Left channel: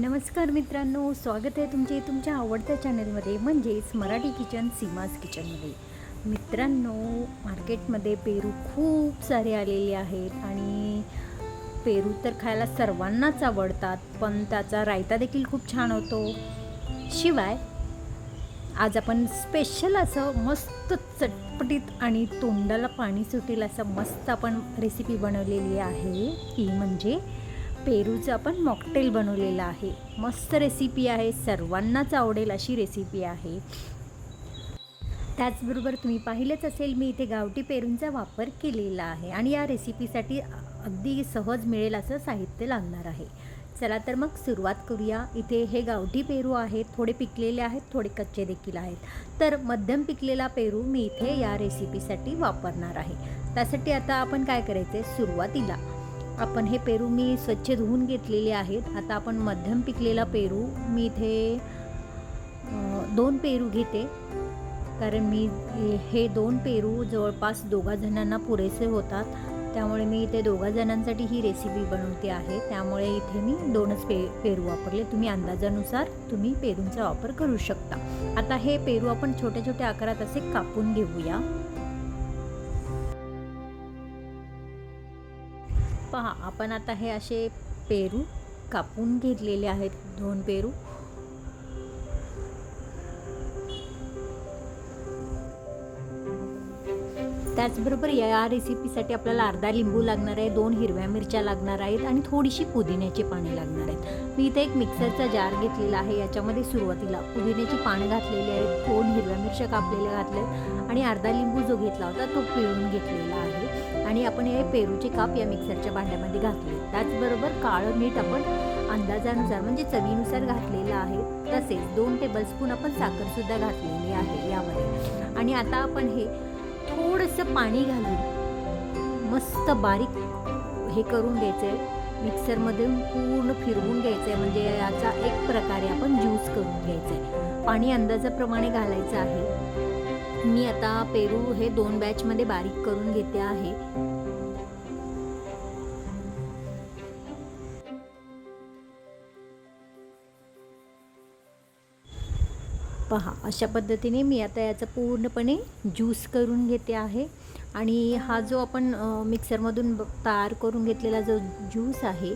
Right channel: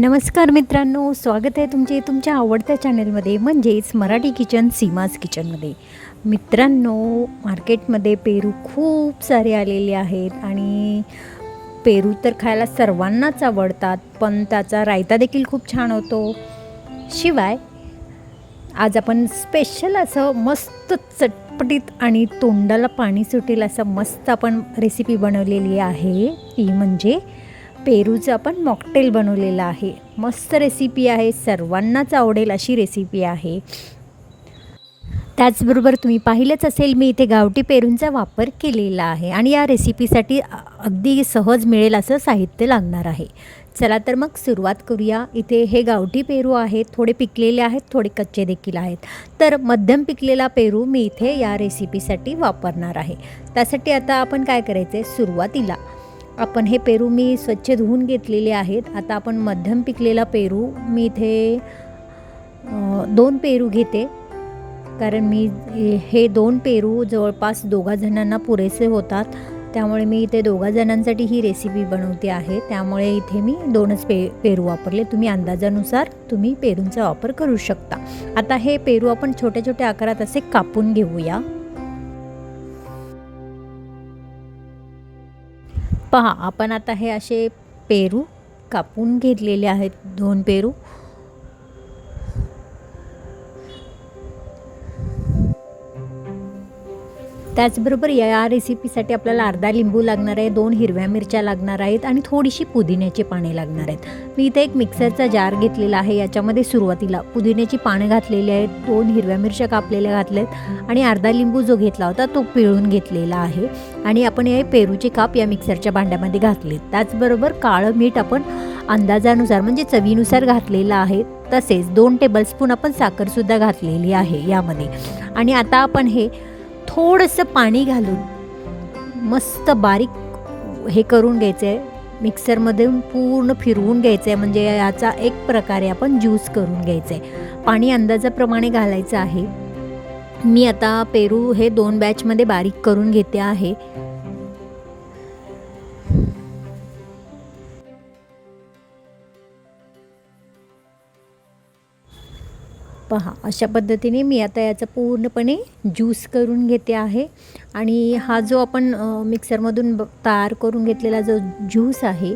नमस्कार मित्रांनो स्वागत आहे तुमचे तुमच्या आवडत्या चॅनलमध्ये म्हणजेच मराठी किचन सीमाज किचनमध्ये. मित्रांनो मार्केटमध्ये पेरू खूप सारे आलेले आहेत आणि पेरू तर खायला सर्वांनाच आवडतात पण त्याचा रायता देखील खूप छान होतो. शिवाय आज आपण स्पेशल असं मस्त चटपटीत आणि तोंडाला पाणी सुटेल असं मस्त आपण रेसिपी बनवलेली आहे. ती म्हणजे पेरूचं आपण मॉकटेल बनवलेलं आहे. मस्त रेसिपी आहे. सर्वांनाच आवडेल अशी रेसिपी आहे. त्याचबरोबर तुम्ही पाहिलंच असेल मी इथे गावठी पेरूंचा वापर केलेला आहे आणि या रेसिपीसाठी अगदी सहज मिळेल असं साहित्य लागणार आहे. चला तर मग सुरुवात करूया. इथे हे गावठी पेरू आहेत थोडे पिकलेले आहेत थोडे कच्चे देखील आहेत. तर मध्यम पिकलेला पेरू मी इथे या रेसिपीसाठी वापरणार आहे. त्यासाठी आता आपण काय करायचं आहे सुरुवातीला आपण हे पेरू मी स्वच्छ धुवून घेतलेले आहेत. आता आपण मध्यम पिकलेला पेरू मी इथे दोन पेरू घेते. कारण मी हे दोन पेरू जवळपास दोघा जणांना पुरेसे होतात. त्यामुळे मी इथे दोघा जणांसाठी ही रेसिपी बनवते आहे. त्यामुळे इथे मी दोनच पे पेरू वापरले. तुम्ही अंदाजानुसार तुम्ही पेरूंचा वापर करू शकता. आता हे पेरू आपण छोट्या छोट्या आकारात असे कापून घेऊया. पहा आपण आता हे असे पेरू कापून घेतलेले आहेत दोन पेरू. त्याचबरोबर या रेसिपीसाठी आपल्याला अर्धा लिंबू लागणार आहे दोन हिरव्या मिरच्या लागणार आहेत आणि थोडीशी पुदिन्याची पाने लागणार आहेत. मी इथे एक मिक्सरचा जार घेतलेला आहे याच्यामध्ये सुरुवातीला पुदिन्याची पाने घातलेली आहेत दोन हिरव्या मिरच्या कापलेल्या घातल्यात आणि अर्धा लिंबू जो घेतला होता तो पिळून घेतलेला आहे. आणि आपण हे पेरूचे काप या मिक्सरच्या भांड्यामध्ये घातले. त्याचबरोबर काळं मीठ आपण अंदाजानुसार म्हणजे चवीनुसार घातलेलं आहे. तसेच दोन टेबलस्पून आपण साखरसुद्धा घातलेली आहे यामध्ये. आणि आता आपण हे थोडंसं पाणी घालून मस्त बारीक हे करून घ्यायचं आहे मिक्सरमधून पूर्ण फिरवून घ्यायचं आहे म्हणजे याचा एक प्रकारे आपण ज्यूस करून घ्यायचं आहे पाणी अंदाजाप्रमाणे घालायचं आहे. मी आता पेरू हे दोन बॅचमध्ये बारीक करून घेते आहे. पहा अशा पद्धतीने मी आता याचा पूर्णपणे ज्यूस करून घेते आहे. आणि हा जो आपण मिक्सरमधून तयार करून घेतलेला जो ज्यूस आहे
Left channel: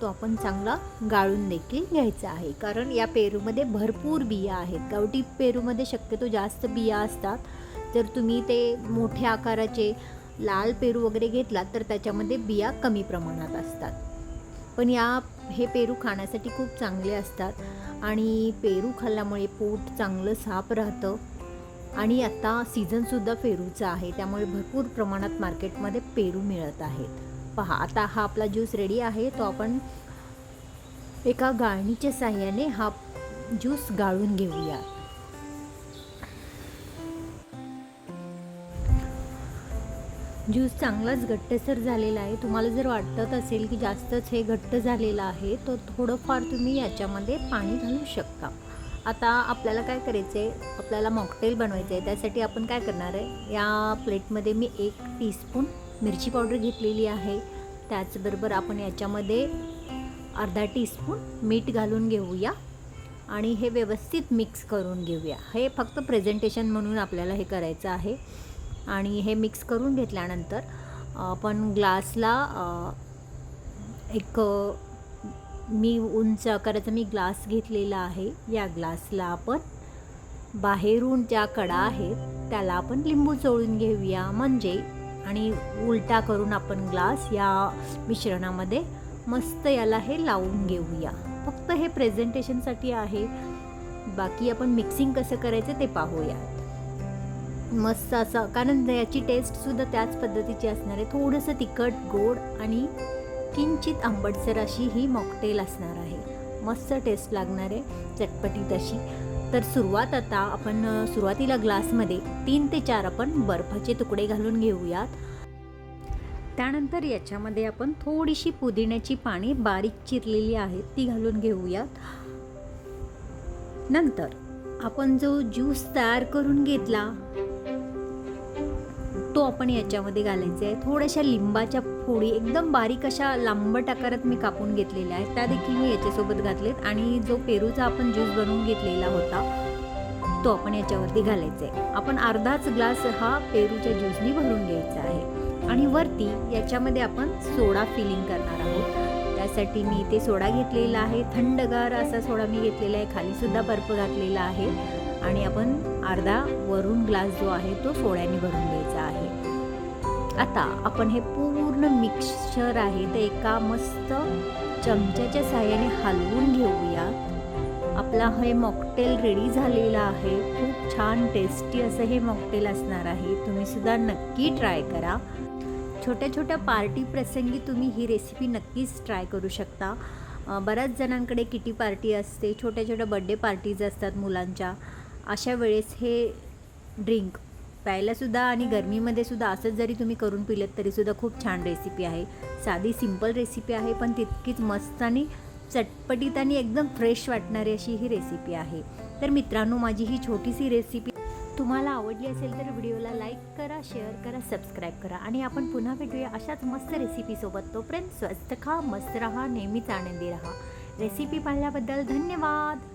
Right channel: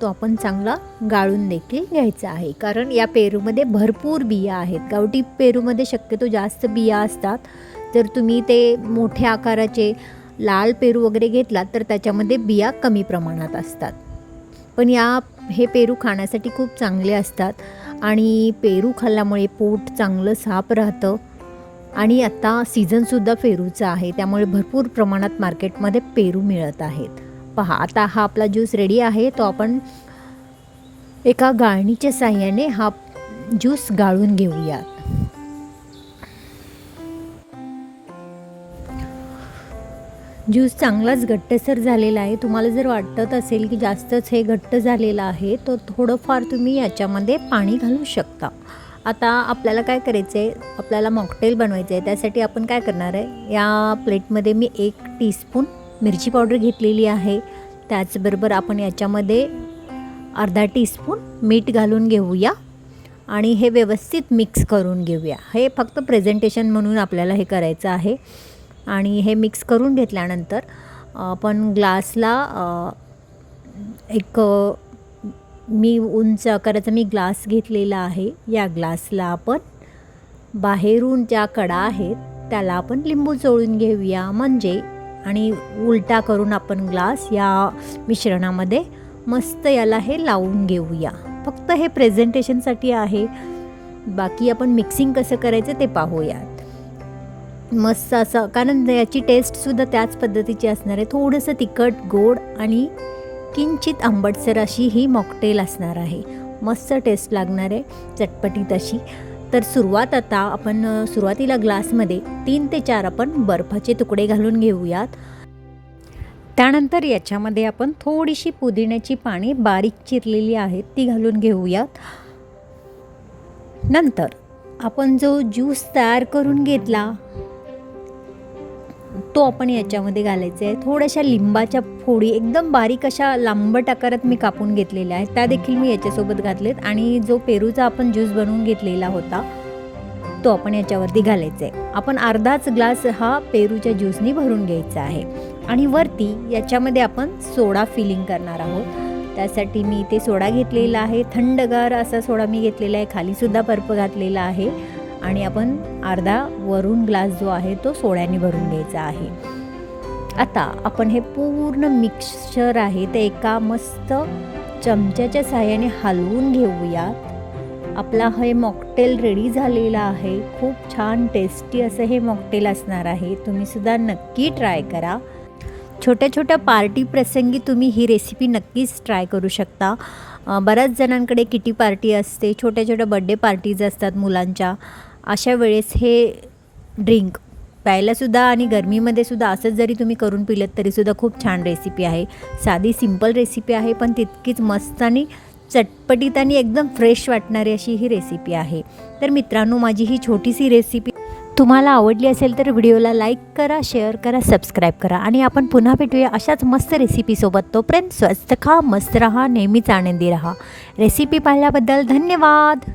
तो आपण चांगला गाळून देखील घ्यायचा आहे. कारण या पेरूमध्ये भरपूर बिया आहेत. गावठी पेरूमध्ये शक्यतो जास्त बिया असतात. जर तुम्ही ते मोठ्या आकाराचे लाल पेरू वगैरे घेतलात तर त्याच्यामध्ये बिया कमी प्रमाणात असतात. पण या हे पेरू खाण्यासाठी खूप चांगले असतात. आणि पेरू खाल्ल्यामुळे पोट चांगलं साफ राहतं. आणि आत्ता सीझनसुद्धा पेरूचा आहे. त्यामुळे भरपूर प्रमाणात मार्केटमध्ये पेरू मिळत आहेत. पहा. आता हा आपला ज्यूस रेडी आहे. तो आपण एका गाळणीच्या साह्याने हा ज्यूस गाळून घेऊया. ज्यूस चांगलाच घट्टसर झालेला आहे. तुम्हाला जर वाटत असेल की जास्तच हे घट्ट झालेलं आहे तर थोडंफार तुम्ही याच्यामध्ये पाणी घालू शकता. आता आपल्याला काय करायचं आहे आपल्याला मॉकटेल बनवायचं आहे त्यासाठी आपण काय करणार आहे? या प्लेटमध्ये मी एक टीस्पून मिरची पावडर घेतलेली आहे. त्याचबरोबर आपण याच्यामध्ये अर्धा टीस्पून मीठ घालून घेऊया आणि हे व्यवस्थित मिक्स करून घेऊया. हे फक्त प्रेझेंटेशन म्हणून आपल्याला हे करायचं आहे. आणि हे मिक्स करून घेतल्यानंतर आपण ग्लासला एक मी उंच आकाराचा मी ग्लास घेतलेला आहे. या ग्लासला आपण बाहेरून ज्या कडा आहेत त्याला आपण लिंबू चोळून घेऊया. म्हणजे आणि उलटा करून आपण ग्लास या मिश्रणामध्ये मस्त याला हे लावून घेऊया. फक्त हे प्रेझेंटेशनसाठी आहे. बाकी आपण मिक्सिंग कसं करायचं ते पाहूयात. मस्त असं कारण याची टेस्टसुद्धा त्याच पद्धतीची असणार आहे. थोडंसं तिखट गोड आणि किंचित आंबटसर अशी ही मॉकटेल असणार आहे. मस्त टेस्ट लागणार आहे चटपटीत अशी. तर सुरुवात आता आपण सुरुवातीला ग्लासमध्ये तीन ते चार आपण बर्फाचे तुकडे घालून घेऊयात. त्यानंतर याच्यामध्ये आपण थोडीशी पुदिन्याची पाने बारीक चिरलेली आहेत ती घालून घेऊयात. नंतर आपण जो ज्यूस तयार करून घेतला तो आपण याच्यामध्ये घालायचा आहे. थोड्याशा लिंबाच्या फोडी एकदम बारीक अशा लांबट आकारात मी कापून घेतलेल्या आहेत. त्या देखील मी याच्यासोबत घातलेत आणि जो पेरूचा आपण ज्यूस बनवून घेतलेला होता तो आपण याच्यावरती घालायचा आहे. आपण अर्धाच ग्लास हा पेरूच्या ज्यूसनी भरून घ्यायचा आहे आणि वरती याच्यामध्ये आपण सोडा फिलिंग करणार आहोत. त्यासाठी मी ते सोडा घेतलेला आहे. थंडगार असा सोडा मी घेतलेला आहे. खालीसुद्धा बर्फ घातलेला आहे. आणि आपण अर्धा वरून ग्लास जो आहे तो सोड्याने भरून घ्यायचा आहे. आता आपण हे पूर्ण मिक्सचर आहे ते एका मस्त चमच्याच्या साह्याने हलवून घेऊया. आपला हे मॉकटेल रेडी झालेला आहे. खूप छान टेस्टी असं हे मॉकटेल असणार आहे. तुम्ही सुद्धा नक्की ट्राय करा. छोट्या छोट्या पार्टी प्रसंगी तुम्ही ही रेसिपी नक्कीच ट्राय करू शकता. बऱ्याच जणांकडे किटी पार्टी असते छोट्या छोट्या बड्डे पार्टीज असतात मुलांच्या. अशा वेळेस हे ड्रिंक प्यायलासुद्धा आणि गरमीमध्ये सुद्धा असंच जरी तुम्ही करून पिलं तरीसुद्धा खूप छान रेसिपी आहे. साधी सिंपल रेसिपी आहे पण तितकीच मस्त आणि चटपटीत आणि एकदम फ्रेश वाटणारी अशी ही रेसिपी आहे. तर मित्रांनो माझी ही छोटीशी रेसिपी तुम्हाला आवडली असेल तर व्हिडिओला लाईक करा शेअर करा सबस्क्राईब करा आणि आपण पुन्हा भेटूया अशाच मस्त रेसिपीसोबत तोपर्यंत स्वस्त खा मस्त रहा नेहमीच आनंदी रहा. रेसिपी पाहिल्याबद्दल धन्यवाद!